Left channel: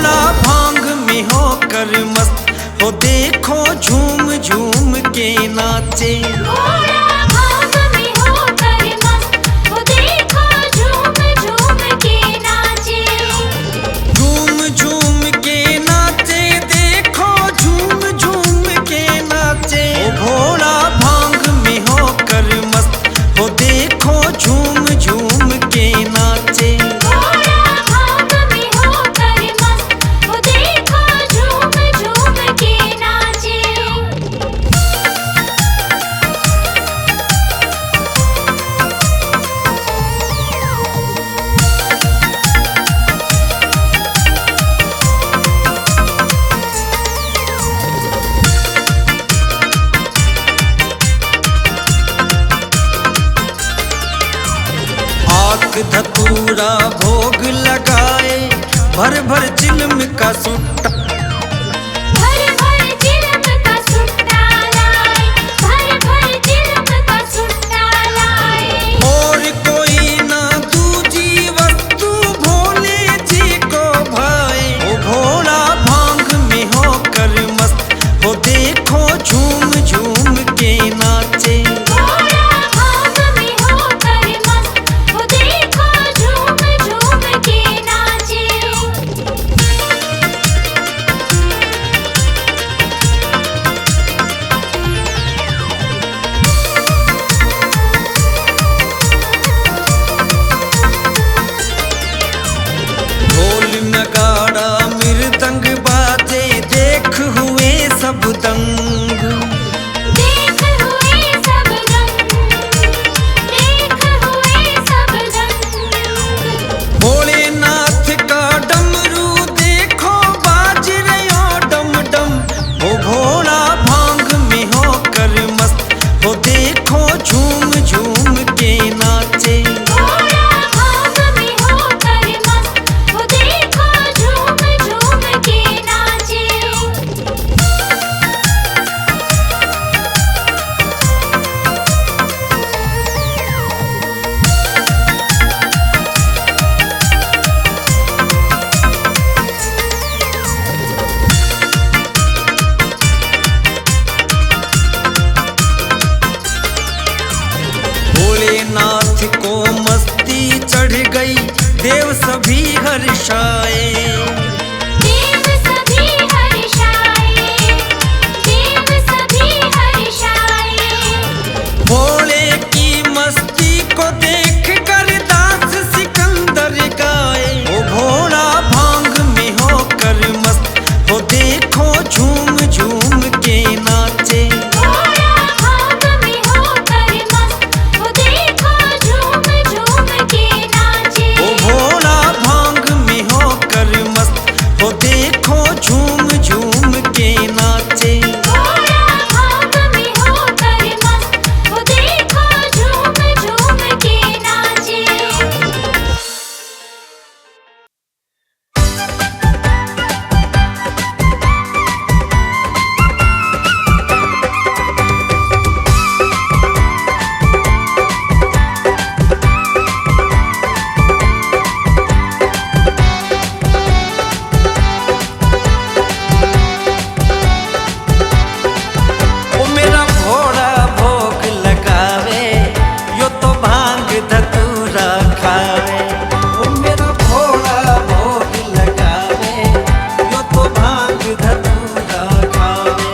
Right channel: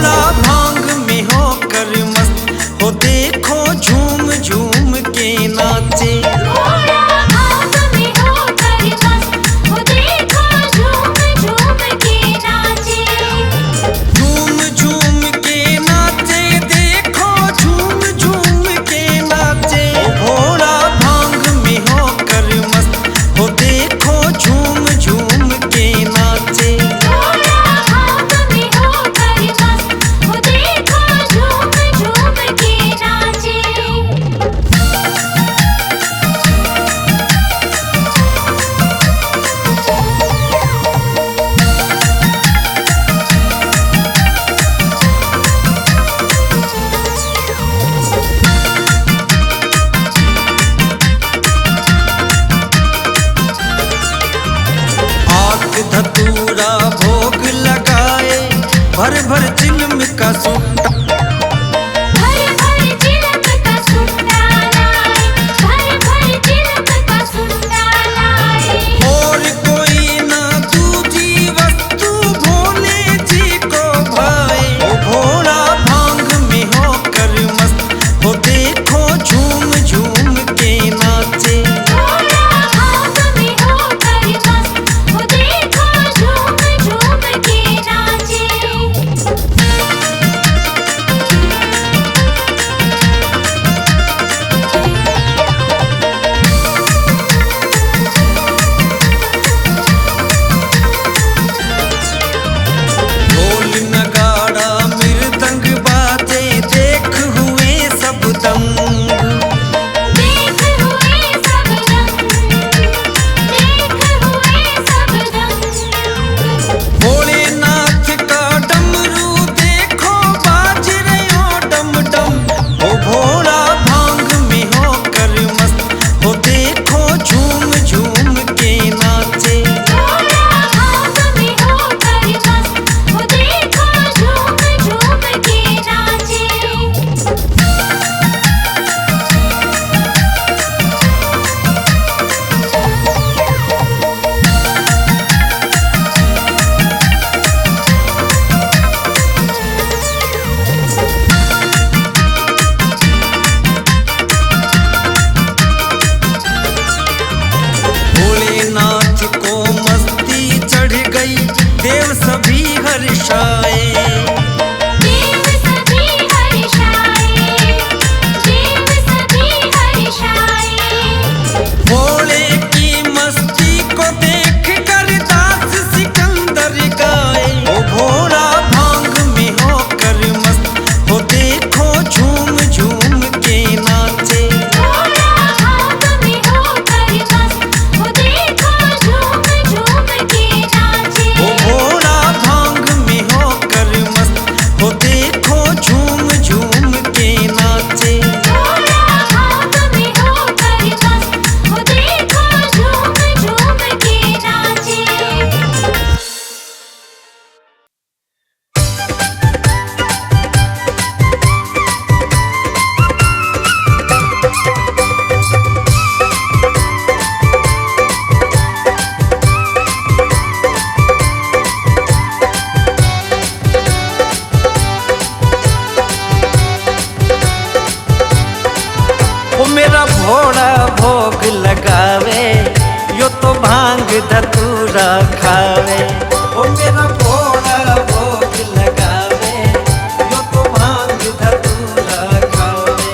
भोला भांग में होकर मस्त हो, देखो झूम झूम के नाचे। भोला भांग में होकर मस्त हो, देखो झूम झूम के नाचे। झूम झूम के नाचे, देखो झूम झूम के नाचे। ओ भोला भांग में होकर मस्त हो, देखो झूम झूम के नाचे। भोला भांग में होकर मस्त हो, देखो झूम झूम के नाचे। आक धतूरा भोग लगाए, भर भर चिलम का सुट्टा। भर भर चिलम का सुट्टा लाए, भर भर चिलम का सुट्टा लाए। और कोई ना दूजी वस्तु भोले जी को भाए। ओ भोला भांग में होकर मस्त हो, देखो झूम झूम के नाचे। भोला भांग में होकर मस्त हो, देखो झूम झूम के नाचे। ढोल नगाड़ा मृदंग बाजे, देख हुए सब दंग। देख हुए सब दंग, देख हुए सब दंग। भोलेनाथ का डमरू देखो बाज रहे डम डम। ओ भोला भांग में होकर मस्त हो, देखो झूम झूम के नाचे। भोला भांग में होकर मस्त हो, देखो झूम झूम के नाचे। भोलेनाथ को मस्ती चढ़ गई, देव सभी हर्षाए। देव सभी हर्षाए, देव सभी हर्षाए। भोले की मस्ती को देख कर दास सिकंदर गाए। ओ भोला भांग में होकर मस्त हो, देखो झूम झूम के नाचे। भोला भांग में होकर मस्त हो, देखो झूम झूम के नाचे। ओ भोला भांग में होकर मस्त हो, देखो झूम झूम के नाचे। भोला भांग में होकर मस्त हो, देखो झूम झूम के नाचे। ओ मेरा भोला भोग लगावे, यो तो भांग धतूरा खावे। ओ मेरा भोला भोग लगावे, यो तो भांग धतूरा खावे।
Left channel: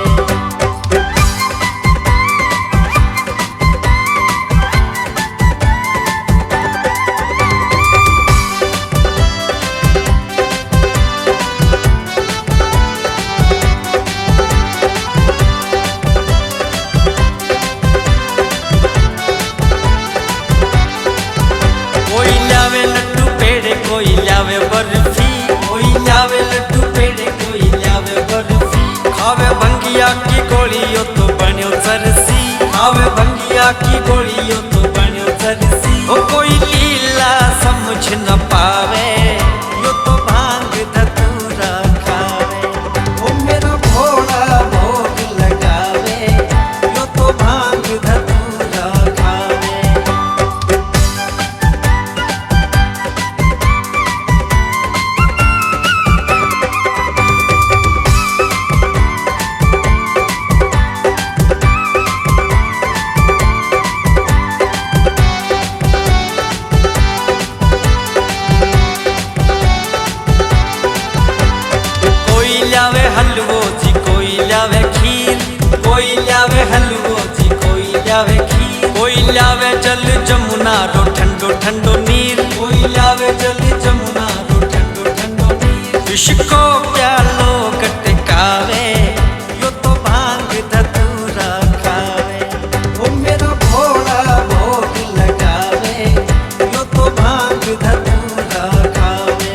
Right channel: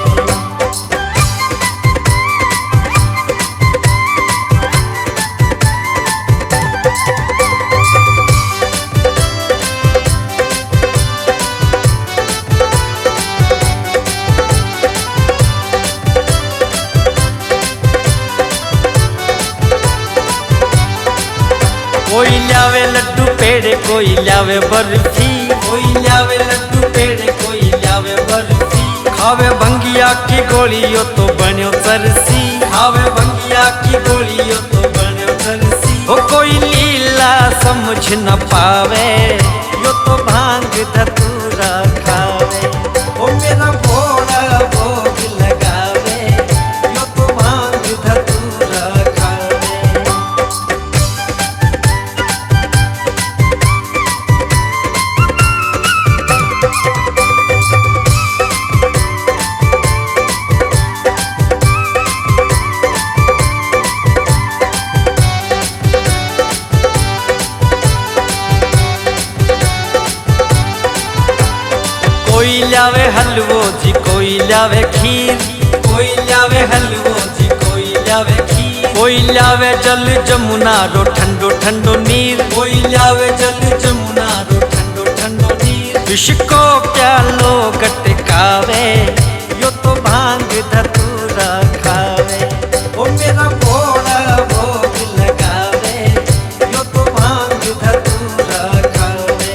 कोई लावे लड्डू पेड़े, कोई लावे बर्फी। कोई लावे लड्डू पेड़े, कोई लावे बर्फी। खावे भंगिया की गोली, यो तो बन्यो चरसी। खावे भंगिया की गोली, यो तो बन्यो चरसी। ओ कोई लीला समझ न पावे, यो तो भांग धतूरा खावे। ओ मेरा भोला भोग लगावे, यो तो भांग धतूरा खावे। कोई लावे हलवो जी कोई लावे खीर, कोई लावे हलवो जी कोई लावे खीर, कोई लावे जल जमुना रो ठंडो ठंडो नीर, कोई लावे जल जमुना रो ठंडो ठंडो नीर। विष को प्यालो गटकावे यो तो भांग धतूरा खावे, ओ मेरा भोला भोग लगावे यो तो भांग धतूरा खावे।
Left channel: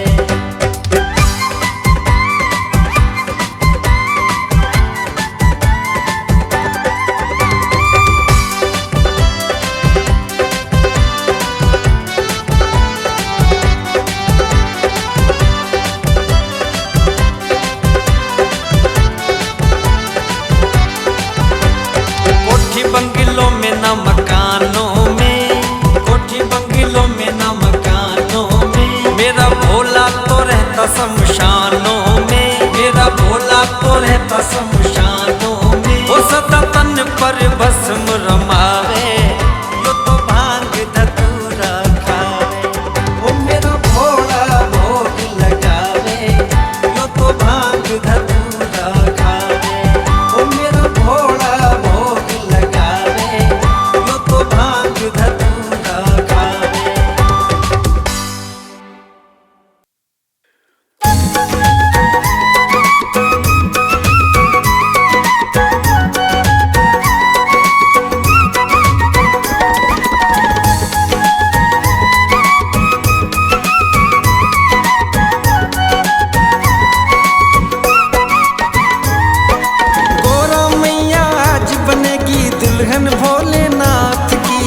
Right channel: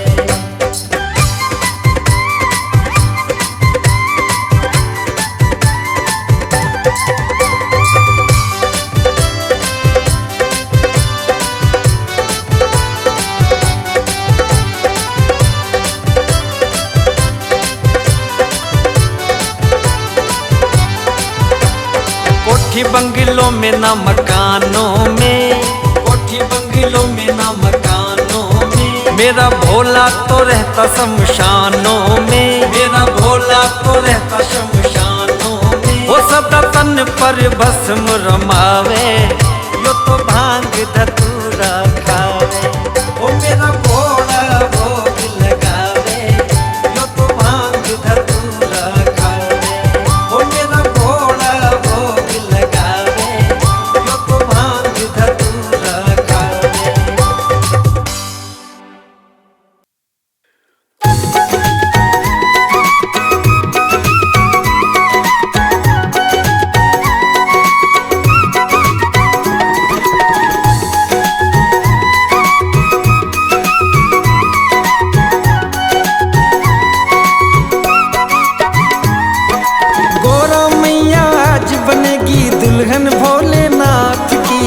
कोठी बंगलों में ना मकानों में, कोठी बंगलों में ना मकानों में, मेरा भोला तो रहता शमशानों में, मेरा भोला तो रहता शमशानों में। वो सदा तन पर भस्म रमावे यो तो भांग धतूरा खावे, ओ मेरा भोला भोग लगावे यो तो भांग धतूरा खावे, ओ मेरा भोला भोग लगावे यो तो भांग धतूरा खावे। गोरा मैया आज बनेगी दुल्हन भोलेनाथ की,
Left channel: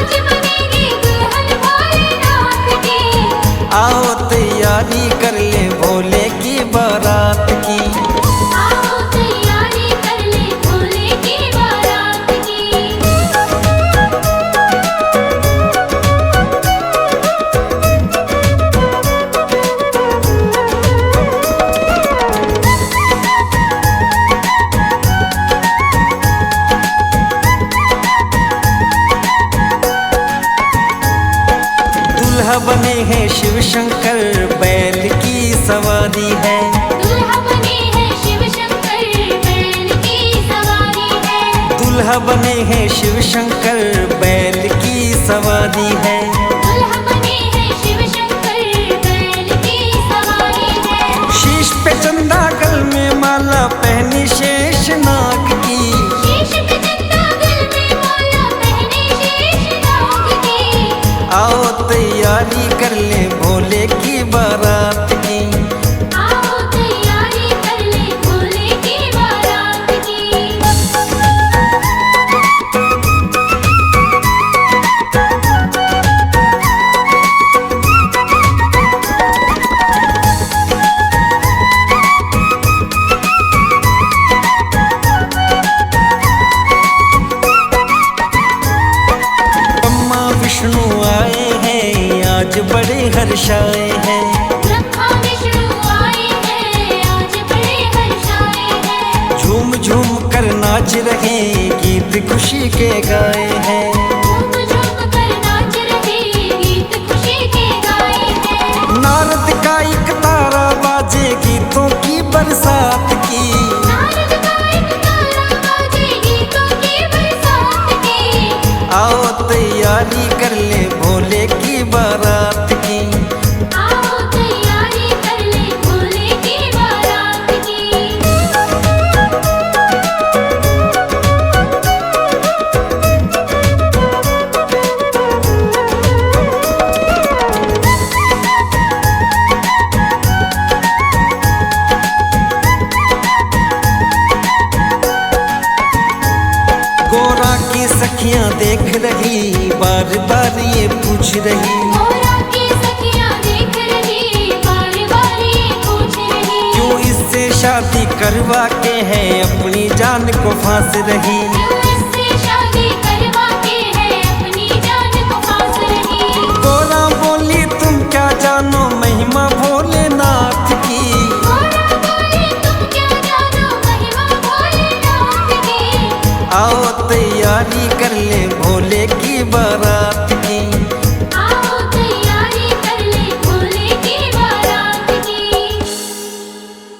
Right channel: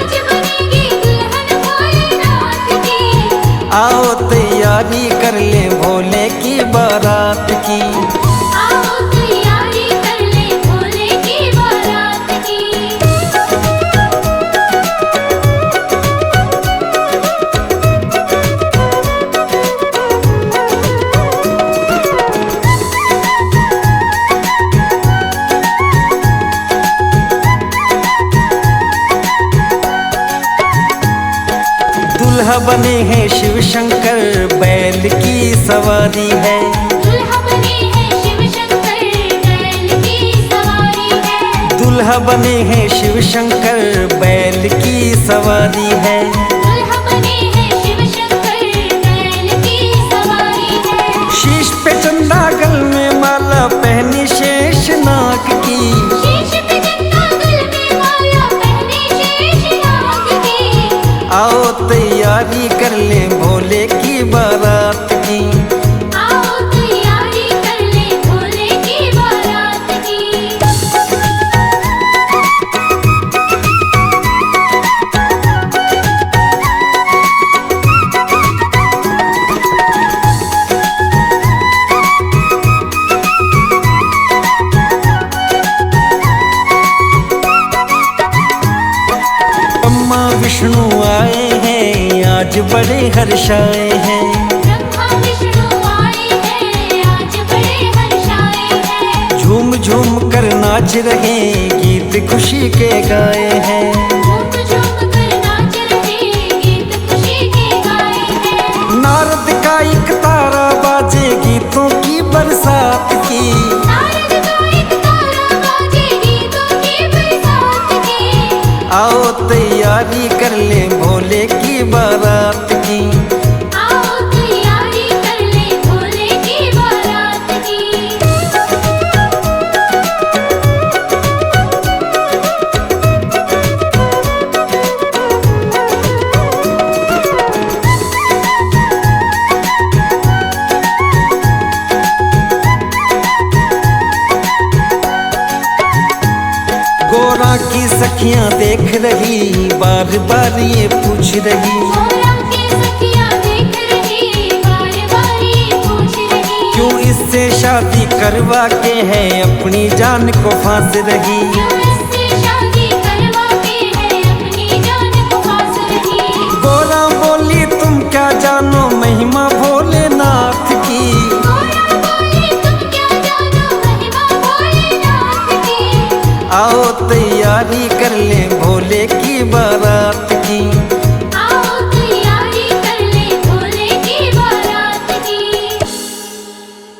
आज बनेगी दुल्हन भोलेनाथ की। आओ तैयारी कर ले भोले की बारात की। आओ तैयारी कर ले भोले की बारात की। दूल्हा बने हैं शिव शंकर बैल की सवारी है, दूल्हा बने हैं शिव शंकर बैल की सवारी है। दूल्हा बने हैं शिव शंकर बैल की सवारी है। दूल्हा बने हैं शिव शंकर बैल की सवारी है। शीश पे चंदा गल में माला पहनी शेष नाग की, शीश पे चंदा गल में माला पहने शेष नाग की। आओ तैयारी कर ले भोले की बारात की। आओ तैयारी कर ले भोले की बारात की। ब्रह्मा विष्णु आए हैं आज बड़े हर्षाए हैं, ब्रह्मा विष्णु आए हैं आज बड़े हर्षाए हैं। झूम झूम कर नाच रहे गीत खुशी के गाए हैं। झूम झूम कर नाच रहे गीत खुशी के गाए हैं। नारद का एक तारा बाजे गीतों की बरसात की, नारद का एक तारा बाजे गीतों की बरसात की। आओ तैयारी कर ले भोले की बारात की। आओ तैयारी कर ले भोले की बारात की। गोरा की सखियां देख रही बार बार ये पूछ रही, गोरा की सखियां देख रही बार बार ये पूछ रही। क्यों इससे शादी करवा के है अपनी जान को फांस रही। क्यों इससे शादी करवा के है अपनी जान को फांस रही। गोरा बोली तुम क्या जानो महिमा भोलेनाथ की, गोरा बोली तुम क्या जानो महिमा भोलेनाथ की। आओ तैयारी कर ले भोले की बारात की।